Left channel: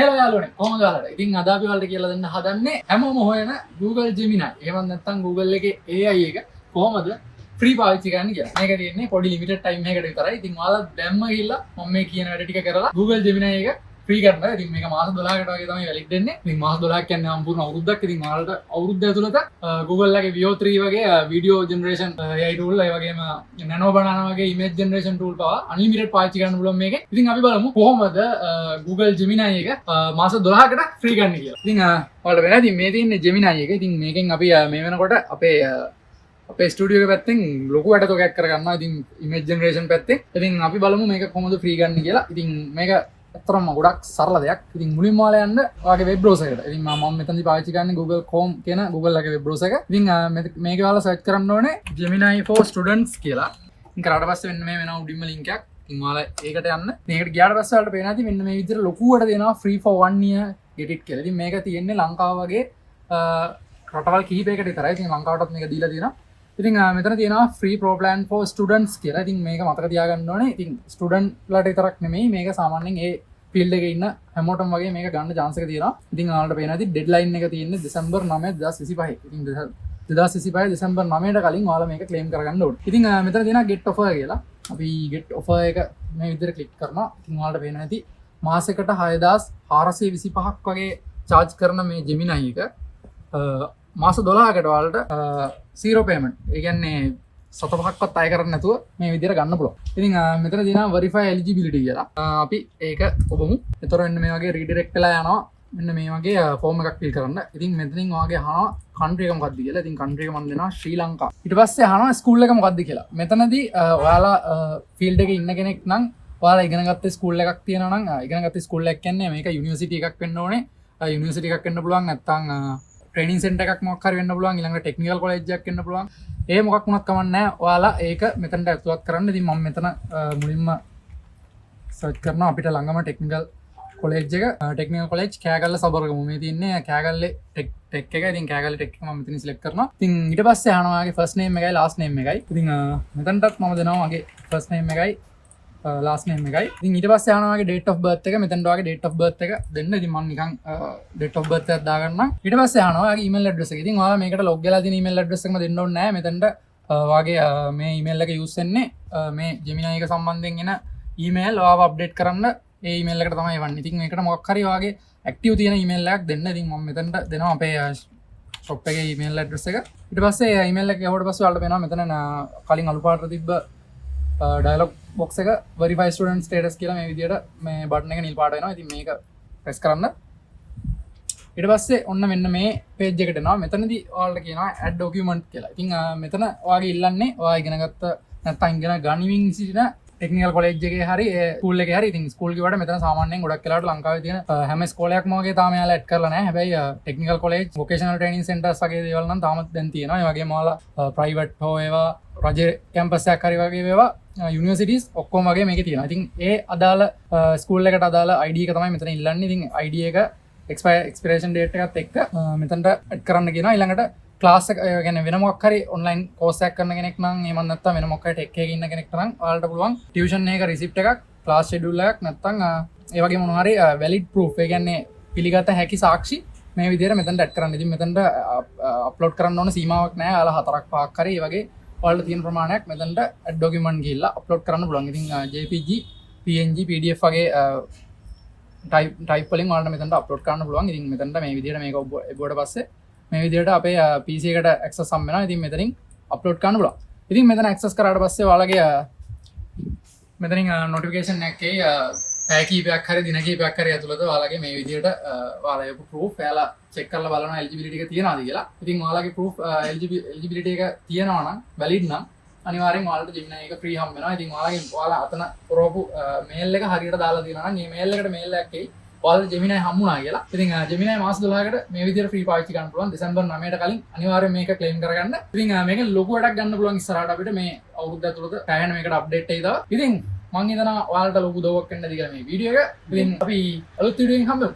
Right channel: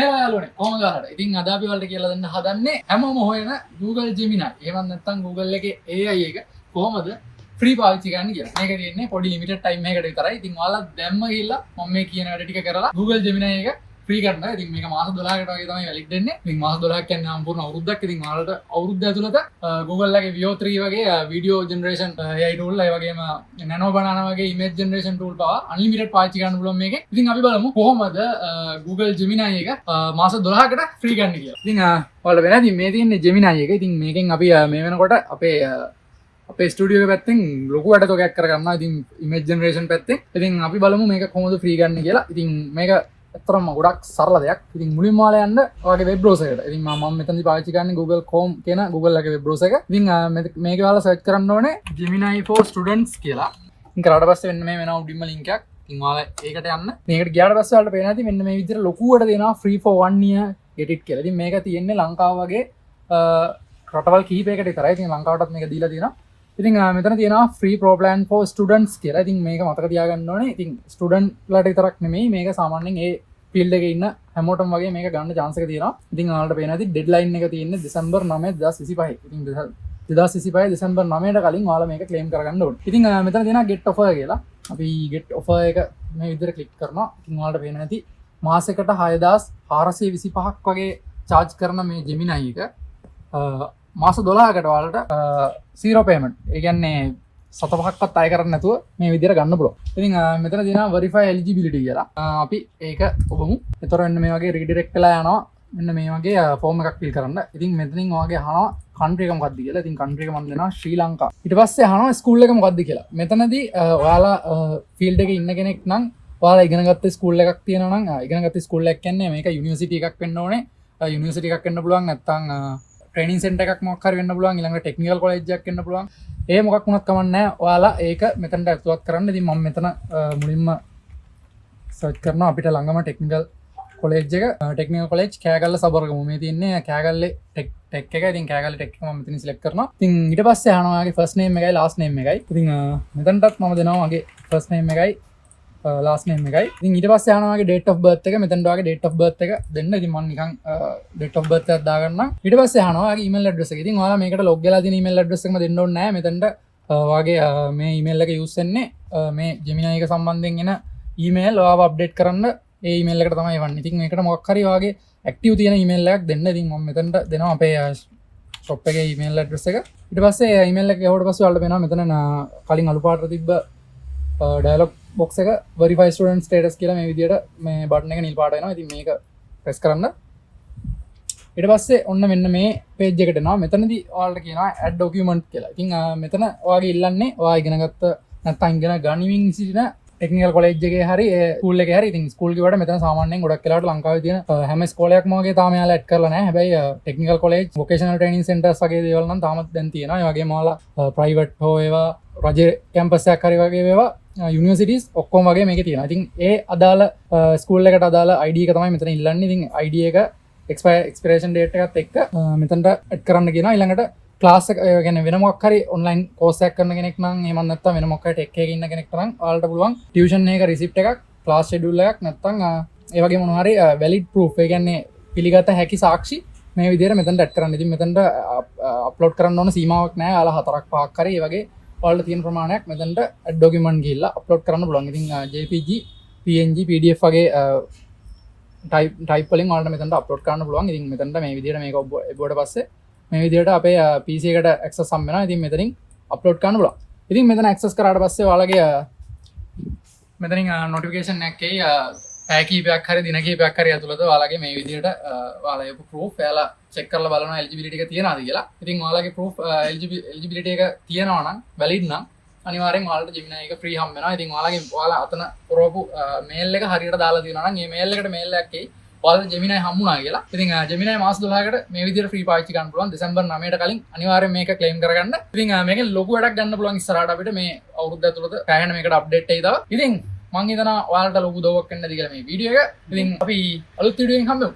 හෙලා යාළුවනේ කොහමද ඔයාලට? ඉතින් අද අපි ඔයාලට කියලා දෙන්න හදන්නේ හැමෝම හොයන Google Gemini. එහෙම නැත්නම් Google එකේ AI එක කොහමද ෆ්‍රී පාවිච්චි කරන්න කියලා. මේක තියෙන්නේ පොඩි ලිමිටඩ් ටයිම් එකකට විතරයි. ඉතින් ඔයාලා දැම්ම ගිහිල්ලා මම මේ කියන වැඩ ටික කරලා Google Gemini එක ෆ්‍රී කරනවා. ඉතින් මේක මාස 12කට වගේ තමයි වැලිඩ් වෙන්නේ. ඉතින් මාස 12ක් කියන්නේ සම්පූර්ණ අවුරුද්දක්. ඉතින් ඔයාලට අවුරුද්ද ඇතුළත Google එකේ Veo 3 වගේ වීඩියෝ ජෙනරේෂන් AI tool ඒ වගේම Nano Banana වගේ image generation tool පවා unlimited පාවිච්චි කරන්න පුළුවන් මේකේ. ඉතින් අපි බලමු කොහොමද Google Gemini එක මාස 12කට ෆ්‍රී කරන්න කියලා. ඉතින් ඔයාලට වෙන ඉතින් මේ තියෙන්නේ Gemini එක. ඉතින් මේකෙන් අපි මේ වෙනකොට අපේ ස්ටුඩියෝ එක පැත්තෙන් ලොකු වැඩතොගයක් කරගන්නවා. ඉතින් image generation පැත්තෙන්. ඉතින් අපි බලමු මේක කොහොමද ෆ්‍රී කරන්න කියලා. ඉතින් මේක ඇත්තටම ගොඩක් සරල දෙයක්. ඉතින් මුලින්ම ඔයාලා යන්න ඔයාගේ වෙබ් බ්‍රවුසර් එකට. ඉතින් මම මෙතනදී පාවිච්චි කරන්නේ Google Chrome කියන Google එකේ වෙබ් බ්‍රවුසර් එක. ඉතින් මේක ඔයාලා සර්ච් කරන්න ඕනේ Gemini for Students කියලා. ඉතින් කරාට පස්සේ මෙන්න මේ වෙනවා උඩින්ම link එකක්. ඉතින් ඔයාලා ඒකට යන්න. මේකට ගියාට පස්සේ ඔයාලට පේනවා ඉතින් මෙන්න මේ විදිහට ලොකුවට දෙනවා free for 1 year get it කියලා. ඉතින් මේක තියෙන්නේ ලංකාව වගේ රටවල් කිහිපයකට විතරයි. ඉතින් ලංකාවටත් මේක දීලා තියෙනවා. ඉතින් මෙතන තියෙනවා free pro plan for students කියලා. ඉතින් මේක මතක තියාගන්න ඕනේ. ඉතින් ස්ටුඩන්ට් ලට විතරක් නෙමෙයි මේක සාමාන්‍යයෙන් ඒ ෆීල්ඩ් එකේ ඉන්න හැමෝටම වගේ මේක ගන්න chance එක තියෙනවා. ඉතින් ඔයාලට පේනවා ඉතින් ඩෙඩ්ලයින් එක තියෙන්නේ දෙසැම්බර් 9 2025. ඉතින් 2025 දෙසැම්බර් 9ට කලින් ඔයාලා මේක ක්ලේම් කරගන්න ඕනේ. ඉතින් මෙතන තියෙනවා get offer කියලා. අපි get offer එක මේ විදිහට ක්ලික් කරනවා. ඉතින් ඔයාලට පේනවා ඉතින් මාසෙකට 6425ක් වගේ charge කරන මේ Gemini එක මාස 12කට ඔයාලට zero payment. ඒ කියන්නේ සතපහක්වත් අය කරන්න නැතුව මේ විදිහට ගන්න පුළුවන්. ඉතින් මෙතන තියෙනවා verify eligibility කියලා. අපි ඒක ඔබමු. ඒතර මෙන්න මේ වගේ redirect වෙලා යනවා. මෙන්න මේ වගේ form එකක් fill කරන්න. ඉතින් මෙතනින් ඔයාගේ අහනවා country එක මොකක්ද කියලා. ඉතින් country එක මම දෙනවා ශ්‍රී ලංකාව. ඊට පස්සේ අහනවා school එක මොකක්ද කියලා. මෙතනදී ඔයාලා field එකේ ඉන්න කෙනෙක් නම් ඔයාලා ඉගෙන ගත්ත school එකක් තියෙනවා නම් ඉගෙන ගත්ත school එකක් කියන්නේ මේක university එකක් වෙන්න ඕනේ. university එකක් වෙන්න පුළුවන් නැත්නම් training center එකක් මොකක් හරි වෙන්න පුළුවන්. ඊළඟට technical college එකක් වෙන්න පුළුවන්. ඒ මොකක් වුණත් කමක් නැහැ. ඔයාලා ඒක මෙතනට ඇතුළත් කරන්න. ඉතින් මම මෙතන මුලින්ම සර්ච් කරනවා අපිට ළඟම ටෙක්නිකල් කොලෙජ් එක. Technical college Kegalle Sabaragamuwa. මේ තියෙන්නේ කෑගල්ලේ ටෙක් එක. ඉතින් කෑගල්ලේ ටෙක් එක මම මෙතන සිලෙක්ට් කරනවා. ඉතින් ඊට පස්සේ අහනවා ඔයාගේ ෆස්ට් නේම් එකයි ලාස්ට් නේම් එකයි. ඉතින් මෙතනටත් මම දෙනවා මගේ ෆස්ට් නේම් එකයි ලාස්ට් නේම් එකයි. ඉතින් ඊට පස්සේ අහනවා ඔයාගේ date of birth එක. මෙතනට ඔයාගේ date of birth එක දෙන්න. ඉතින් මම නිකන් date of birth එකක් දාගන්නම්. ඊට පස්සේ අහනවා ඔයාගේ email address එක. ඉතින් ඔයාලා මේකට log වෙලා තියෙන email address එකම දෙන්න ඕනේ නැහැ. මෙතනට ඔයාගේ මේ email එක use වෙන්නේ මේ Gemini එක සම්බන්ධයෙන් එන email ඔයාව update කරන්න ඒ email එකට තමයි එවන්නේ. ඉතින් මේකට මොකක් හරි ඔයාගේ active තියෙන email එකක් දෙන්න. ඉතින් මම මෙතනට දෙනවා අපේ shop එකේ email address එක. ඊට පස්සේ email එක යවුවට පස්සේ ඔයාලට වෙනවා මෙතන කලින් අලු පාටට තිබ්බ dialog box එක verify student status කියලා මේ විදිහට මේ බටන් එක නිල් පාට වෙනවා. ඉතින් මේක press කරන්න. ඊට පස්සේ ඔන්න මෙන්න මේ page එකට එනවා. මෙතනදී ඔයාලට කියනවා add document කියලා. ඉතින් මෙතන ඔයාගේ ඉල්ලන්නේ ඔයා ඉගෙනගත්ත නැත්නම් ඉගෙන ගනිමින් සිටින ටෙක්නිකල් කොලෙජ් එකේ හරි ස්කූල් එකේ හරි. ඉතින් ස්කූල් කිව්වට මෙතන සාමාන්‍යයෙන් ගොඩක් වෙලාවට ලංකාවේ තියෙන හැම ස්කෝලයක්ම වගේ තාම යාලා ඇඩ් කරලා නැහැ. හැබැයි technical college vocational training centres වගේ දේවල් නම් තාමත් දැන් තියෙනවා. ඒ වගේම ඔයාලා ප්‍රයිවට් හෝ ඒවා රජ කැම්පස් එකක් හරි වගේ ඒවා යුනිවර්සිටිස් ඔක්කොම වගේ මේකේ තියෙනවා. ඉතින් ඒ අදාළ ස්කූල් එකට අදාළ ID එක තමයි මෙතන ඉල්ලන්නේ. ඉතින් ID එක expiration date එකත් එක්ක මෙතනට ඇඩ් කරන්න කියනවා. ඊළඟට ක්ලාස් එක කියන්නේ වෙන මොකක් හරි ඔන්ලයින් කෝස් එකක් කරන කෙනෙක් නම් එහෙම නැත්නම් වෙන මොකක් හරි ටෙක් එකේ ඉන්න කෙනෙක් නම් ඔයාලට පුළුවන් ටියුෂන් එක රිසිප්ට් එකක් ක්ලාස් ෂෙඩියුල් එකක් නැත්නම් ඒ වගේ මොනවා හරි වැලිඩ් ප්‍රූෆ් ඒ කියන්නේ පිළිගත හැකි සාක්ෂි මේ විදිහට මෙතනට ඇඩ් කරන්න. ඉතින් මෙතනට අප්ලෝඩ් කරන්න ඕන සීමාවක් නැහැ. ඔයාලා 4ක් 5ක් හරි ඒ වගේ ඔයාලට තියෙන ප්‍රමාණයක් මෙතනට ඇඩ් ડોකියුමන්ට් ගිහිල්ලා අප්ලෝඩ් කරන්න පුළුවන්. ඉතින් JPG PNG PDF වගේ ටයිප් වලින් ඔයාලට මෙතනට අප්ලෝඩ් කරන්න පුළුවන්. ඉතින් මෙතනට මේ විදිහට මේක ඔබට පස්සේ මේ විදිහට අපේ PC එකට access හම් වෙනවා. ඉතින් මෙතනින් අප්ලෝඩ් කරන්න පුළුවන්. ඉතින් මෙතන access කරාට පස්සේ ඔයාලගේ මෙතනින් notification එකේ පැය කීපයක් හරි දින කීපයක් හරි ඇතුළත ඔයාලගේ මේ විදිහට ඔයාලා යපු proof එයාලා check කරලා බලනවා eligibility එක තියනවාද කියලා. ඉතින් ඔයාලගේ proof eligibility එක තියනවා නම් valid නම් අනිවාර්යෙන් ඔයාලට Gemini එක free හම් වෙනවා. ඉතින් ඔයාලා අතන පුරවපු mail එක හරියට දාලා තියෙනවා නම් මේ mail එකට mail එකක් එයි. ඔයාලට Gemini හම්බුණා කියලා. ඉතින් Gemini මාස 12කට මේ විදිහට free පාවිච්චි කරන්න පුළුවන්. දෙසැම්බර් 9ට කලින් අනිවාර්යෙන් මේක claim කරගන්න. ඉතින් මේකෙන් ලොකු වැඩක් ගන්න පුළුවන් ඉස්සරහට අපිට මේ අවුරුද්ද ඇතුළත පැහැෙන මේකට update එයි තව. ඉතින් මම හිතනවා ඔයාලට ලොකු උදව්වක් වෙන්න ඇති කියලා මේ වීඩියෝ එක. ඉතින් අපි අලුත් වීඩියෝ එකකින් හම්බෙමු.